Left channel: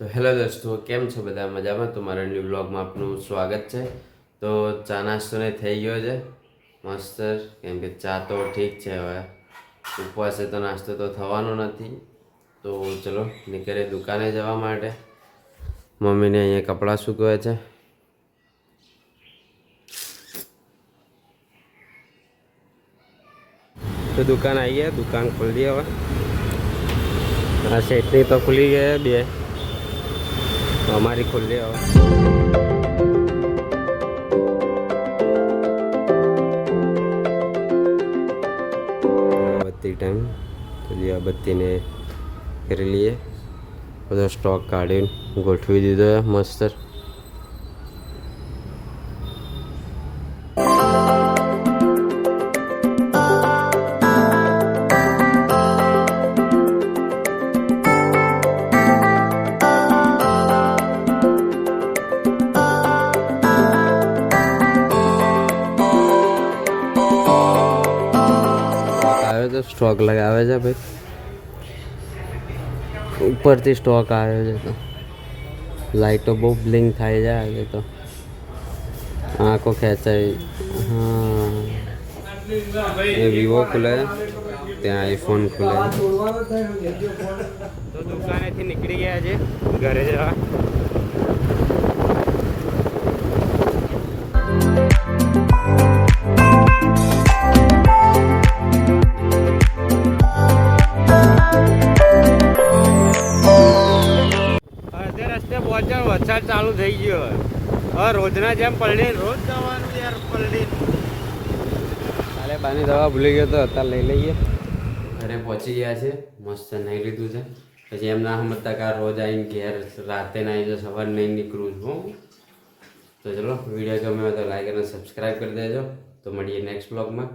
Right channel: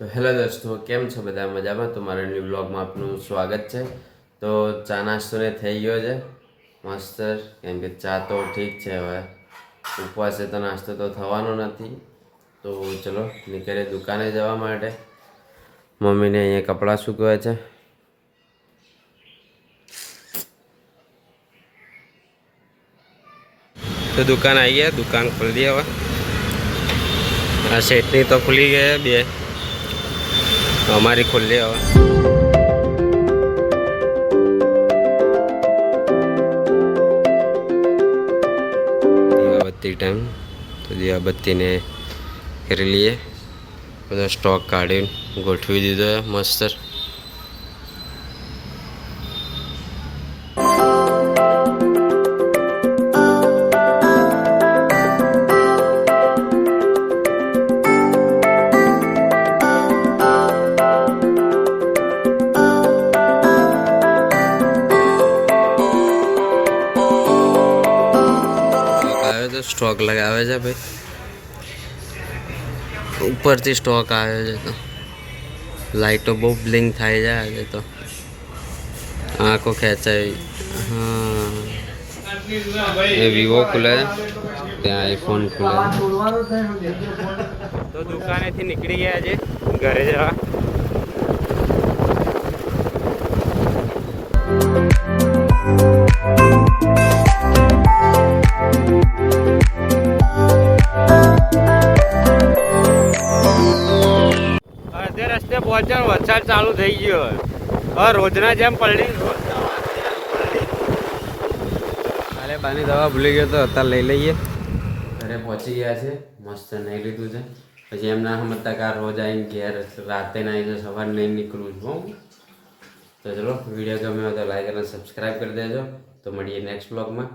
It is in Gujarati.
તો હેલો દોસ્તો, કેમ છો બધા? મજામાં? તો મારા ન્યૂ બ્લોગમાં આપનું સ્વાગત છે. તો ચા નાસ્તો ને થઈ ગયો છે મસ્ત, કેમ કે ચા તો ઠીક છે, હવે ઉપવાસે તો નાસ્તો તો થવાનો નથી. તો ચલો નીકળે દુકાને જવા માટે. મમ્મીને અહીંયા કપડાં સૂકવે છે. તો દુકાન આવી ગયા, દુકાન ખોલી દી હવે. આ સેટની તો ખુલી ગઈ બે, અમારી ખુલ્લી હવે. દીવાબત્તી ટાઈમ, તો દીવાબત્તીને કરી લઈએ. બધો સ્ટોક કાઢીને ગોઠવી દીધો મસ્ત. સ્ટોક લગાવે છે ભાઈ, ઉપરથી સ્ટોક આવે છે. તો લાઈટો બહુ બ્લિંક થાય છે આજે તો, આંખો ખેંચાય. હા, એ વિવો ખુલે, ત્યાં આઈફોન ખુલે. તો દુકાનેથી નીકળી ગયા છે ઘરે જવા. રસ્તે પહોંચ્યા, વરસાદ ચાલુ થઈ ગયો. હવે રોજના જેમ પલડી, રોજ કાલે બાની દવા ભૂલી ગયો તો અત્યારે લઈ લઈએ. ઘરે પહોંચી ગયા છે, મસ્ત નહીં લીધું છે. પછી એમ ના સમજતા કે રોજ આવીને ઘેર રાતે ના આવી તો સવારે નહીં નીકળું છું. તો ચલો, વિડીયો ગમે તો લાઈક અને સબસ્ક્રાઈબ કરી દેજો. તો મળીએ નેક્સ્ટ બ્લોગમાં.